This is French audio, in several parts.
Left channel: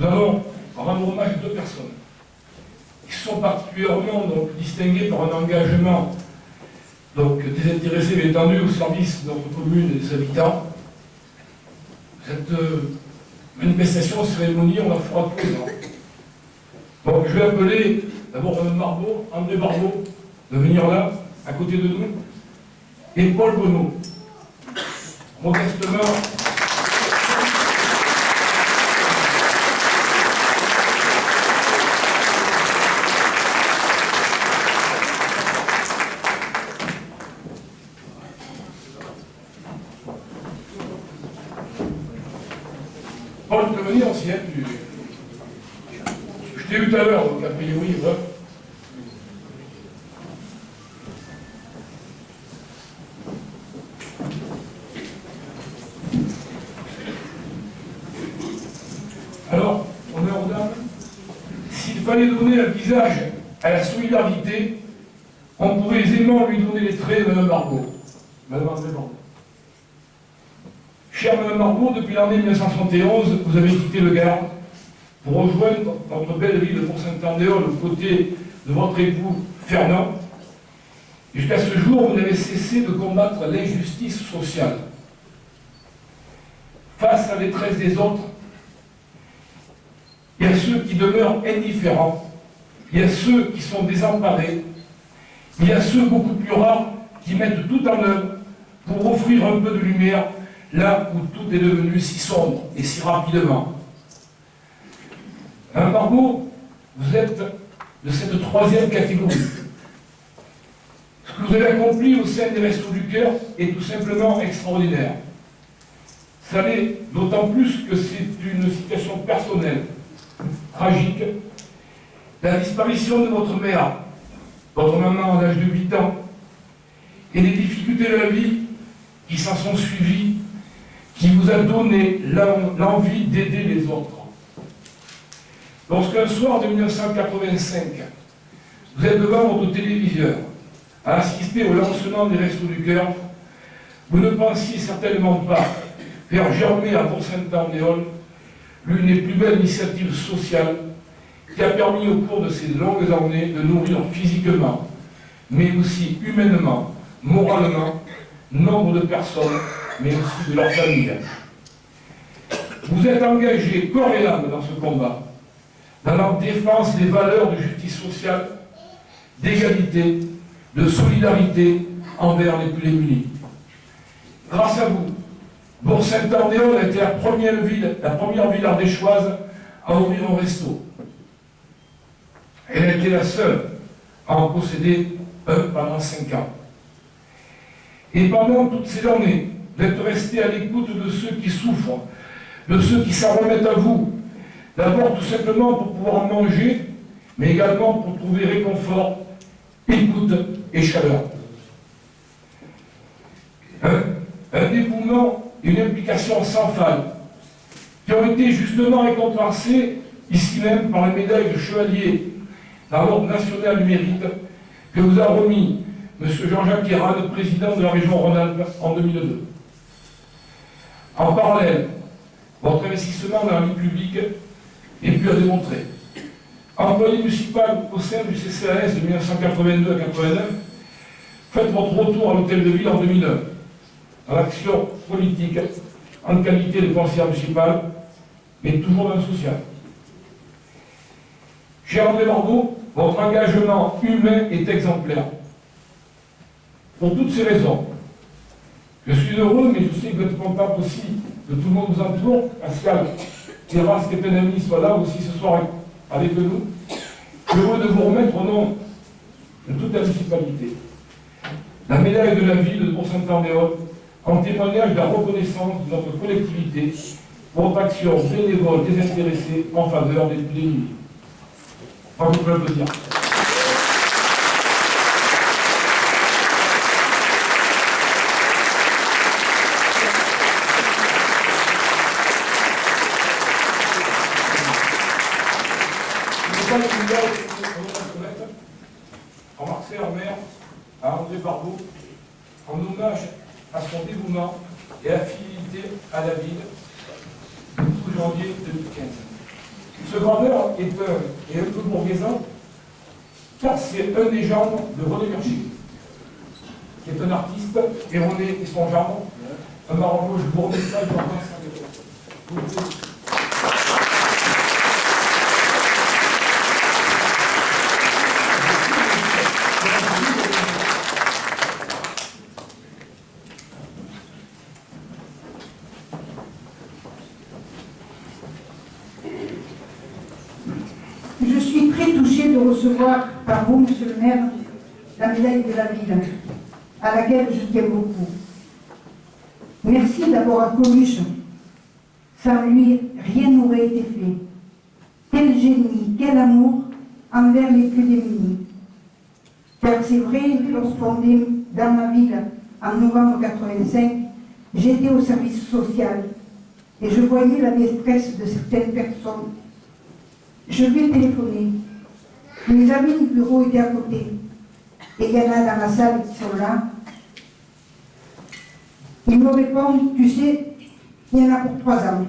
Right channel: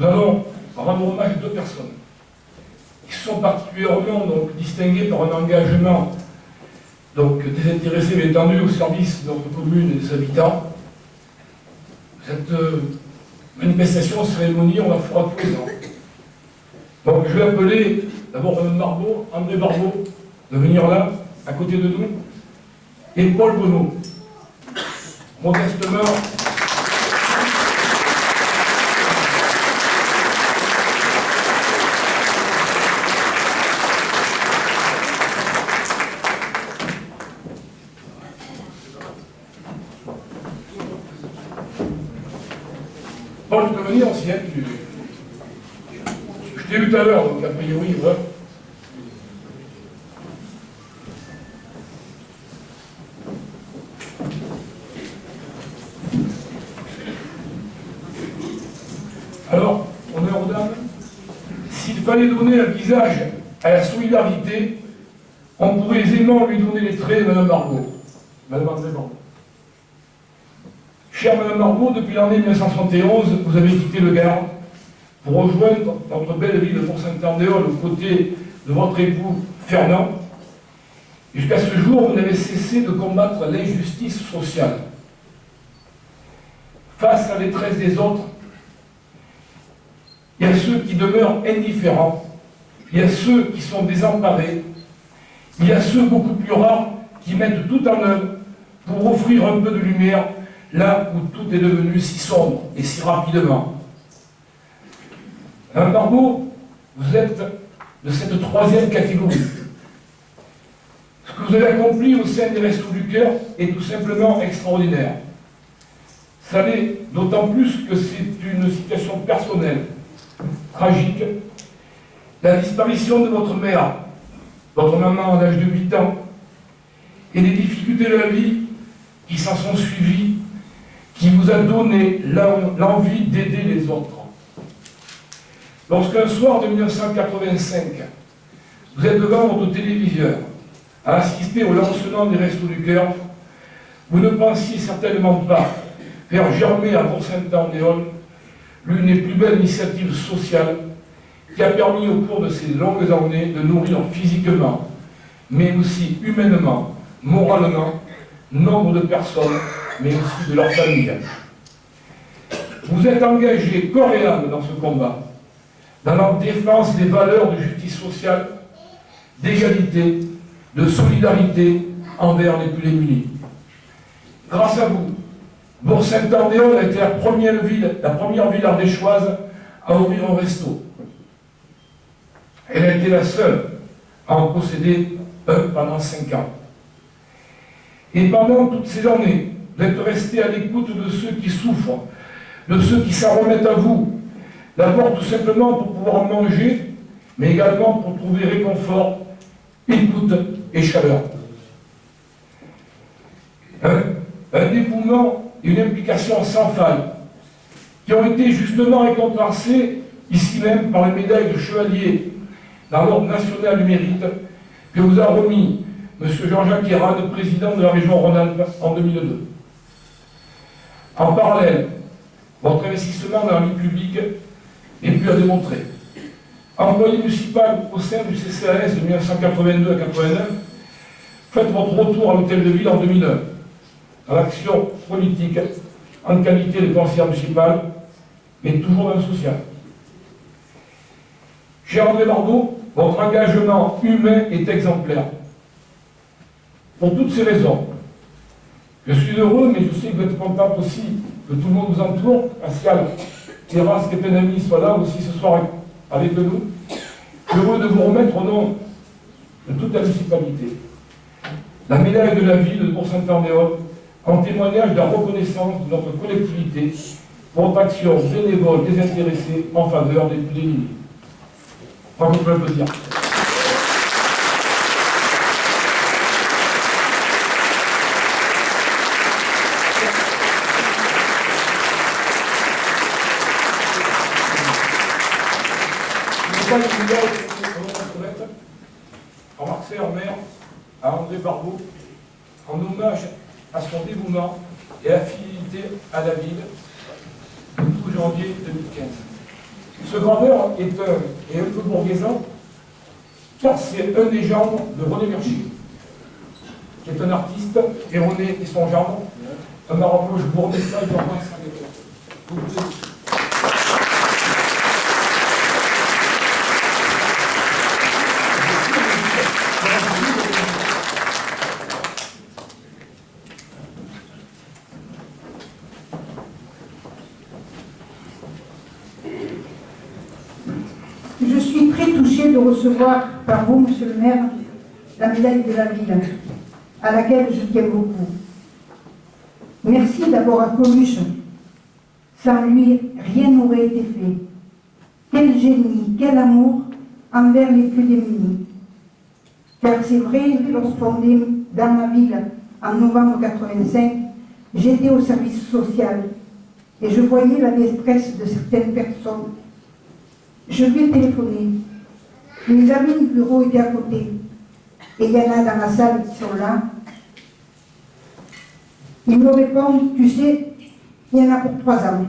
Nous allons rendre hommage à deux personnes qui sont particulièrement distinguées par un engagement désintéressé, mais étendu au service de notre commune et des habitants. Cette manifestation, cérémonie, on la fera tous les ans. Donc je vais appeler d'abord André Barbeau, de venir là, à côté de nous, et Paul Bonneau. Modestement, Paul, tu peux venir aussi, hein, je t'ai vu tout à l'heure, donc a priori, voilà. Alors, honneur aux dames, s'il fallait donner un visage à la solidarité, on pourrait aisément lui donner les traits de Mme Barbeau. Mme André Barbeau. Chère Mme Barbeau, depuis l'année 1971, vous avez quitté le Gard pour rejoindre notre belle ville de Bourg-Saint-Andéol aux côtés de votre époux Fernand. Et jusqu'à ce jour, vous n'avez cessé de combattre l'injustice sociale. Face à la détresse des autres, il y a ceux qui demeurent indifférents, il y a ceux qui sont désemparés, il y a ceux beaucoup plus rares qui mettent tout en œuvre pour offrir un peu de lumière là où tout est devenu si sombre et si rapidement. Madame Barbeau, vous êtes de cette troisième catégorie. Ce que vous avez accompli au sein des Restos du Cœur est tout simplement extraordinaire. Ça l'est d'autant plus que c'est une situation personnelle, tragique. La disparition de votre mère, votre maman à l'âge de 8 ans, et les difficultés de la vie qui s'en sont suivies, qui vous a donné l'envie d'aider les autres. Lorsqu'un soir de 1985, vous êtes devant votre téléviseur à assister au lancement des Restos du Cœur, vous ne pensiez certainement pas faire germer à Bourg-Saint-Andéol l'une des plus belles initiatives sociales qui a permis au cours de ces longues années de nourrir physiquement, mais aussi humainement, moralement, nombre de personnes, mais aussi de leurs familles. Vous êtes engagé corps et âme dans ce combat, dans la défense des valeurs de justice sociale, d'égalité, de solidarité envers les plus démunis. Grâce à vous, Bourg-Saint-Andéol a été la première ville ardéchoise à ouvrir un resto. Elle a été la seule à en posséder un pendant 5 ans. Et pendant toutes ces années, vous êtes resté à l'écoute de ceux qui souffrent, de ceux qui s'en remettent à vous, d'abord tout simplement pour pouvoir manger, mais également pour trouver réconfort, écoute et chaleur. Un dévouement et une implication sans faille, qui ont été justement récompensés ici même par une médaille de chevalier dans l'Ordre national du mérite que vous a remis M. Jean-Jacques Hérade, président de la région Rhône-Alpes, en 2002. En parallèle, votre investissement dans la vie publique est plus à démontrer. Employé municipal au sein du CCAS de 1982 à 1989, faites votre retour à l'hôtel de ville en 2009, dans l'action politique, en qualité de conseiller municipal, mais toujours dans le social. Cher André Barbeau, votre engagement humain est exemplaire. Pour toutes ces raisons, je suis heureux, mais je sais que vous êtes content aussi que tout le monde vous entoure. Pascal Terrasse, qui est un ami, soit là aussi ce soir avec nous. Heureux de vous remettre au nom de toute la municipalité la médaille de la ville de Bourg-Saint-Andéol en témoignage de la reconnaissance de notre collectivité pour votre action bénévole désintéressée en faveur des plus démunis. Bravo, on peut applaudir. En Marseille en mer, à André Barbeau, en hommage à son dévouement et à fidélité à la ville, le 12 janvier 2015. Ce graveur est un peu bourguisan, car c'est un des gendres de René Mercier, qui est un artiste, et René et son gendre, un Marocain, je vous remets ça, je vous remets ça. Je suis très touchée de recevoir par vous, Monsieur le maire, la médaille de la ville, à laquelle je tiens beaucoup. Merci d'abord à Coluche. Sans lui, rien n'aurait été fait. Quel génie, quel amour envers les plus démunis. Car c'est vrai, lorsqu'on est dans ma ville en novembre 85, j'étais au service social et je voyais la détresse de certaines personnes. Je lui ai téléphoné. Mes amis du bureau étaient à côté. Et il y en a dans la salle qui sont là. Il me répond, tu sais, il y en a pour 3 ans.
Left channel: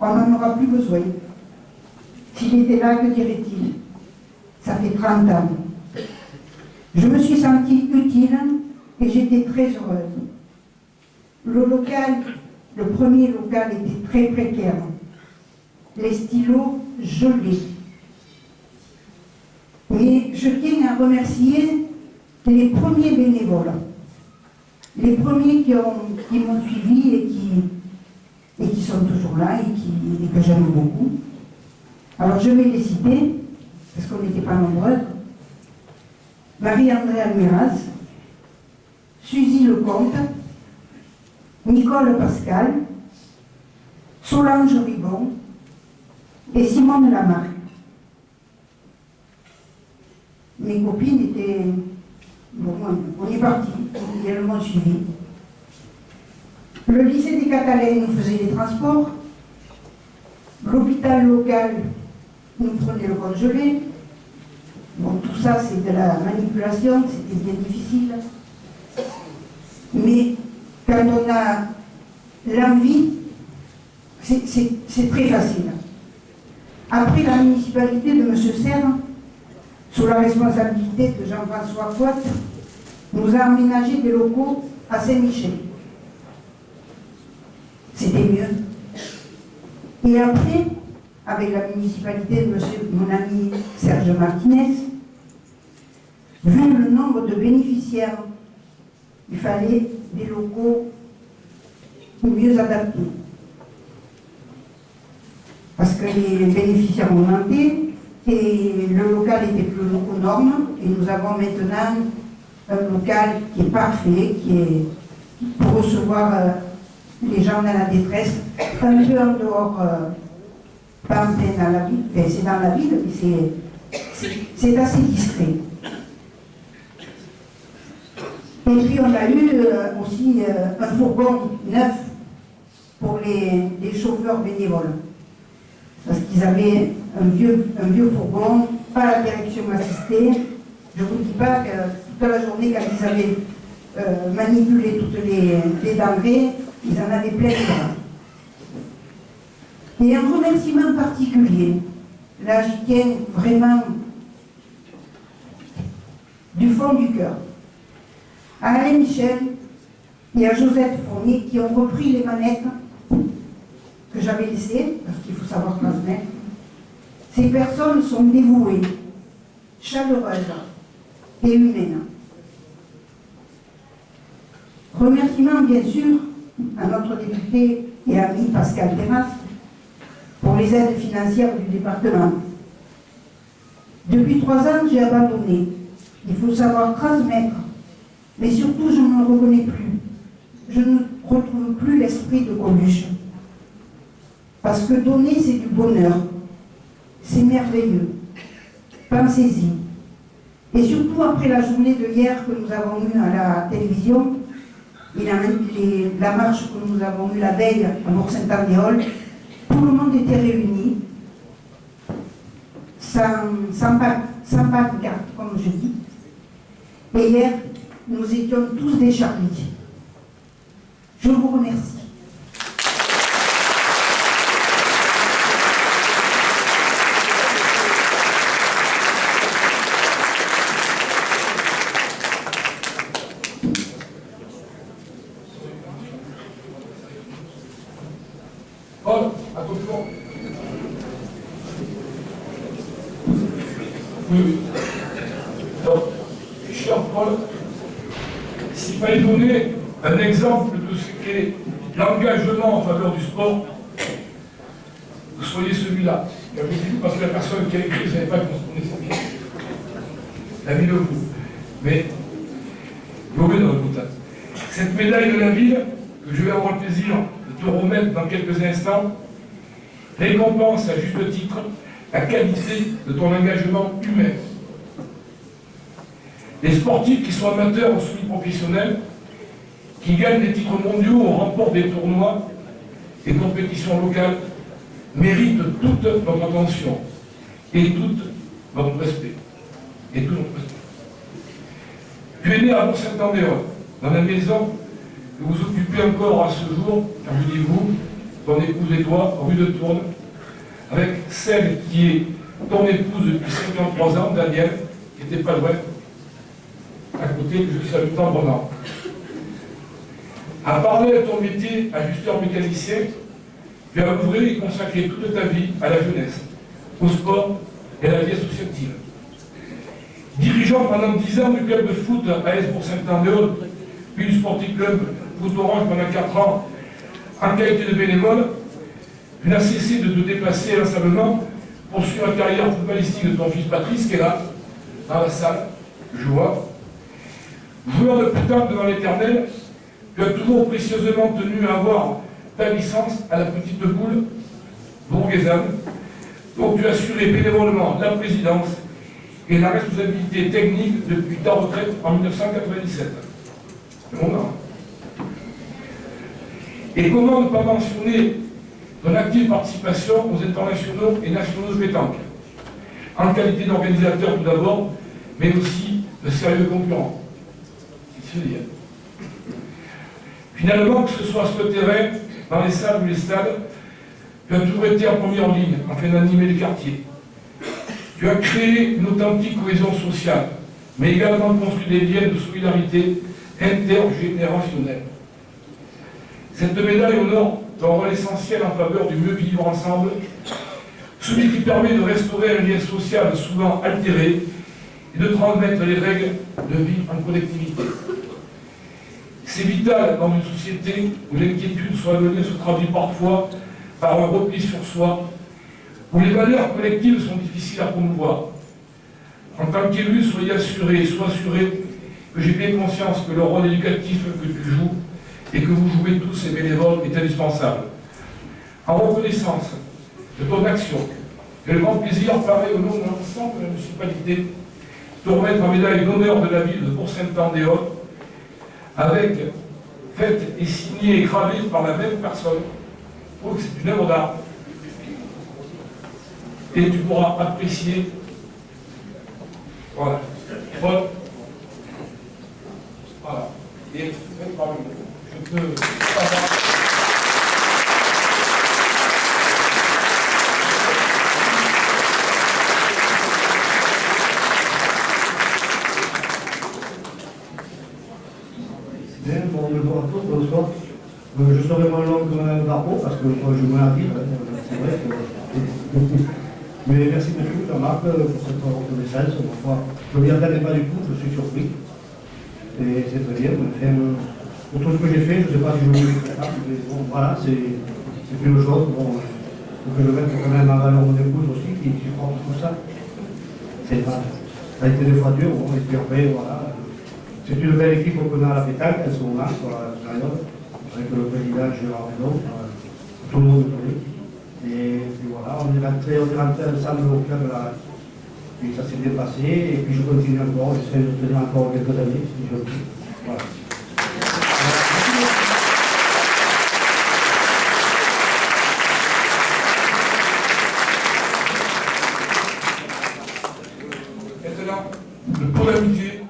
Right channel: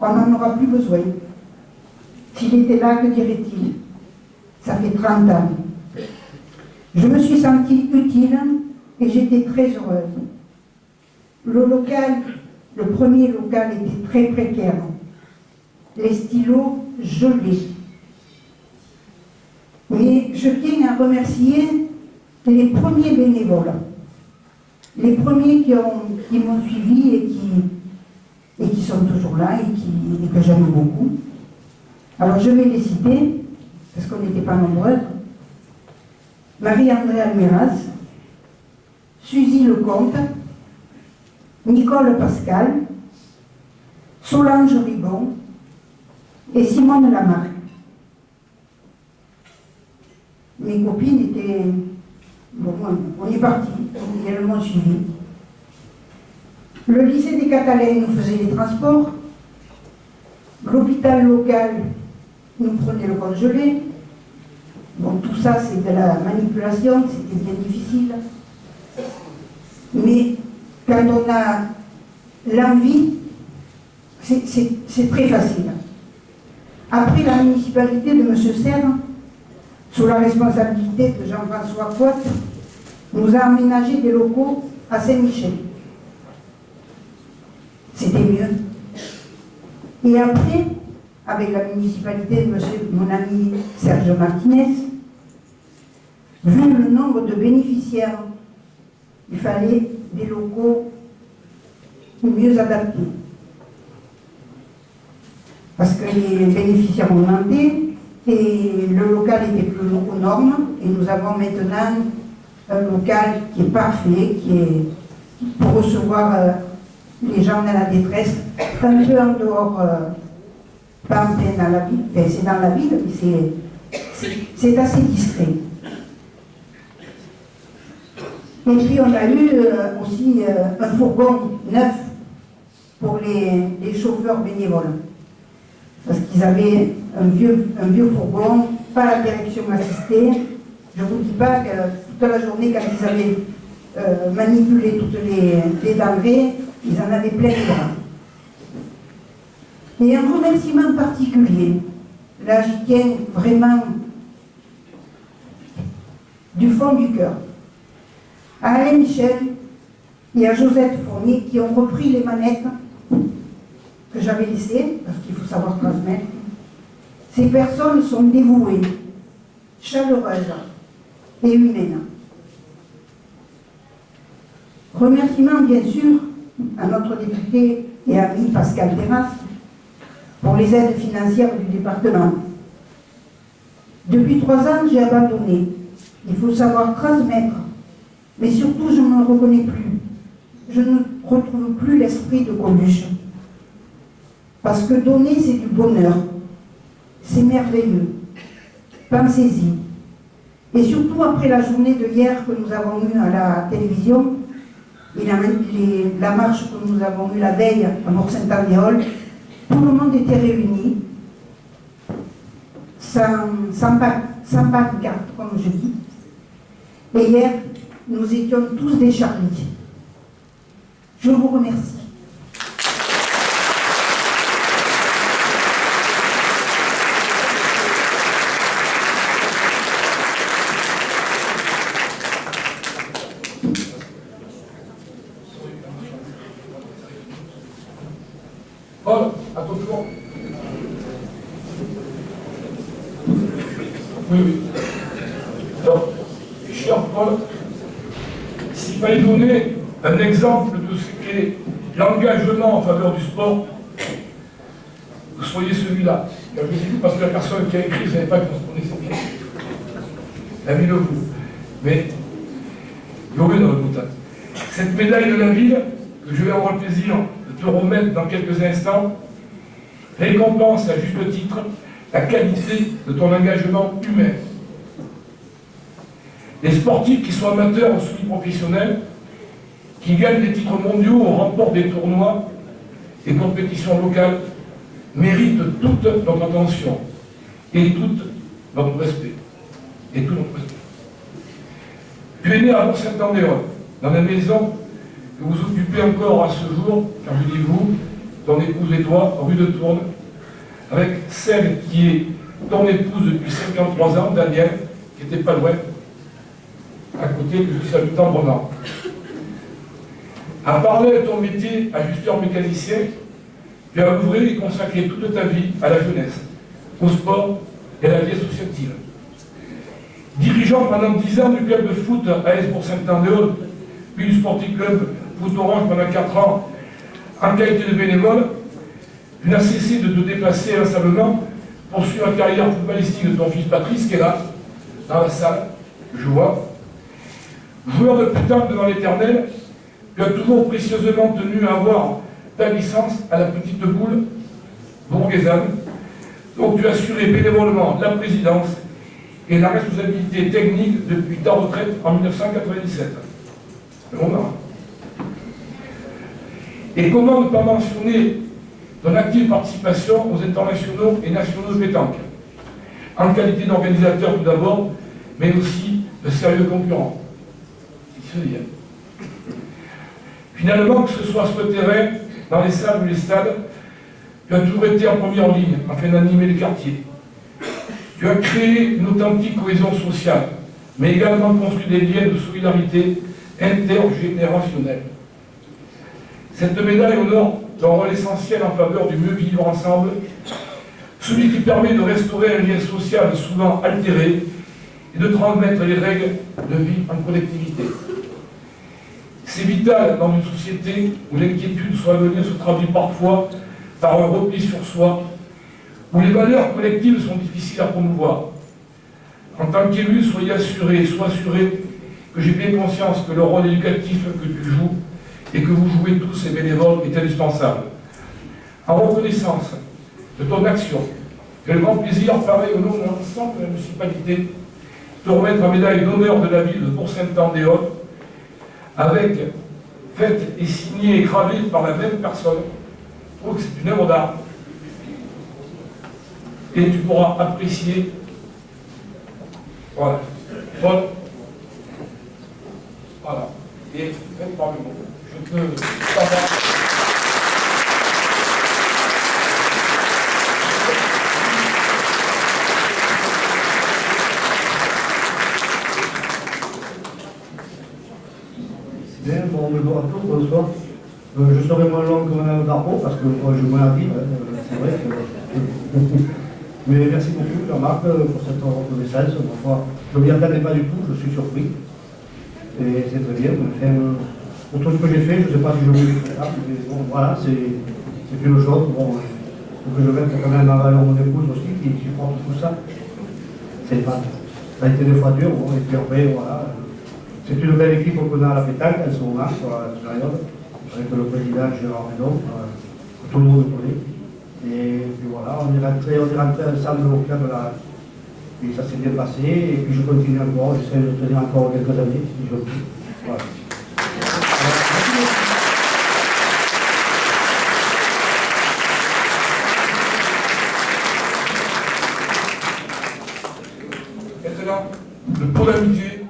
On n'en aura plus besoin. S'il était là, que dirait-il? Ça fait 30 ans. Je me suis sentie utile et j'étais très heureuse. Le local, le premier local était très précaire. Les stylos gelés. Mais je tiens à remercier les premiers bénévoles, les premiers qui m'ont suivi et qui sont toujours là et que j'aime beaucoup. Alors je vais les citer, parce qu'on n'était pas nombreux. Marie-André Almiraz, Suzy Lecomte, Nicole Pascal, Solange Ribon et Simone Lamarck. Mes copines étaient... Bon, on est partis, elles m'ont suivi. Le lycée des Catalans nous faisait les transports. L'hôpital local nous prenait le congelé. Bon, tout ça, c'est de la manipulation, c'était bien difficile. Mais quand on a l'envie, c'est très facile. Après la municipalité de M. Serre, sous la responsabilité de Jean-François Cotte, nous a aménagé des locaux à Saint-Michel. C'était mieux. Et après, avec la municipalité de mon ami Serge Martinez, vu le nombre de bénéficiaires, il fallait des locaux mieux adaptés. Parce que les bénéficiaires ont augmenté et le local était plus aux normes. Et nous avons maintenant un local qui est parfait, qui est pour recevoir les gens dans la détresse, un peu en dehors, pas en plein dans la ville, enfin, c'est dans la ville, mais c'est assez discret. Et puis on a eu aussi un fourgon neuf pour les chauffeurs bénévoles. Parce qu'ils avaient un vieux fourgon, pas la direction assistée. Je ne vous dis pas que toute la journée, quand ils avaient manipulé toutes les denrées, ils en avaient plein les bras. Et un remerciement particulier, là j'y tiens vraiment du fond du cœur, à Alain Michel et à Josette Fournier qui ont repris les manettes que j'avais laissées, parce qu'il faut savoir transmettre. Ces personnes sont dévouées, chaleureuses et humaines. Remerciements bien sûr à notre député et ami Pascal Terrasse pour les aides financières du département. Depuis 3 ans, j'ai abandonné. Il faut savoir transmettre, mais surtout je ne me reconnais plus. Je ne retrouve plus l'esprit de Coluche. Parce que donner, c'est du bonheur. C'est merveilleux. Pensez-y. Et surtout après la journée de hier que nous avons eue à la télévision, et la marche que nous avons eue la veille à Bourg-Saint-Andéol, tout le monde était réuni, sans pancarte, comme je dis. Et hier, nous étions tous des Charlie. Je vous remercie. Oui, oui. Alors, cher Paul, s'il fallait donner un exemple de ce qu'est l'engagement en faveur du sport, vous soyez celui-là. Je vous dis parce que la personne qui a écrit ne savait pas qu'on se connaissait bien. La ville de vous. Mais, vous dans le bout. Cette médaille de la ville, que je vais avoir le plaisir de te remettre dans quelques instants, récompense à juste titre la qualité de ton engagement humain. Les sportifs qui sont amateurs ou semi-professionnels, qui gagnent des titres mondiaux ou remportent des tournois et compétitions locales, méritent toute notre attention et tout notre respect. Et tout notre respect. Tu es né à Bourg-Saint-Andéol, dans la maison que vous occupez encore à ce jour, car je dis vous, ton épouse et toi, rue de Tourne, avec celle qui est ton épouse depuis 53 ans, Daniel, qui n'était pas loin, à côté, que je salue tendrement. À parler de ton métier, ajusteur mécanicien, tu as œuvré et consacré toute ta vie à la jeunesse, au sport et à la vie associative. Dirigeant pendant 10 ans du club de foot AS Bourg-Saint-Andéol, puis du Sporting Club Foot Orange pendant 4 ans, en qualité de bénévole, tu n'as cessé de te déplacer inlassablement pour suivre la carrière footballistique de ton fils Patrice, qui est là, dans la salle, je vois. Joueur de pétanque devant l'éternel, tu as toujours précieusement tenu à avoir ta licence à la petite boule bourguésane, dont tu as assuré bénévolement la présidence et la responsabilité technique depuis ta retraite en 1997. C'est bon, hein. Et comment ne pas mentionner ton active participation aux internationaux et nationaux de pétanque, en qualité d'organisateur tout d'abord, mais aussi de sérieux concurrents. C'est se dire. Finalement, que ce soit sur le terrain, dans les salles ou les stades, tu as toujours été en première ligne afin d'animer les quartiers. Tu as créé une authentique cohésion sociale, mais également construit des liens de solidarité intergénérationnelle. Cette médaille honore ton rôle essentiel en faveur du mieux vivre ensemble, celui qui permet de restaurer un lien social souvent altéré et de transmettre les règles de vie en collectivité. C'est vital dans une société où l'inquiétude sur l'avenir se traduit parfois par un repli sur soi, où les valeurs collectives sont difficiles à promouvoir. En tant qu'élu, sois assuré que j'ai bien conscience que le rôle éducatif que tu joues et que vous jouez tous et bénévoles est indispensable. En reconnaissance de ton action, j'ai le grand plaisir, pareil au nom de l'ensemble de la municipalité, de te remettre la médaille d'honneur de la ville de Bourg-Saint-Andéol, avec faite et signée et gravée par la même personne. Je trouve que c'est une œuvre d'art. Et tu pourras apprécier. Voilà. Voilà. Et faites parmi moi. Je peux savoir. Bien, bonjour à tous, bonsoir. Je serai moins long que Mme Darbo parce que moi je moins à dire, c'est vrai que... Mais merci beaucoup Jean-Marc pour cette reconnaissance. Je ne m'y attendais pas du tout, je suis surpris. Et c'est très bien. Pour tout ce que j'ai fait, je ne sais pas si je vais le faire, mais bon, voilà, c'est une chose. Bon, il faut que je mette quand même en valeur mon épouse aussi qui supporte tout ça. Ça a été des fois dur, bon, et puis après, voilà. C'est une belle équipe qu'on a à la pétanque, elles sont là sur la période, avec le président Gérard Renaud, tout le monde connaît. Et puis voilà, on est rentré ensemble au club là. Puis ça s'est bien passé, et puis je continue encore, j'essaie de tenir encore quelques années, si je peux. Voilà. Maintenant, le pot d'amitié.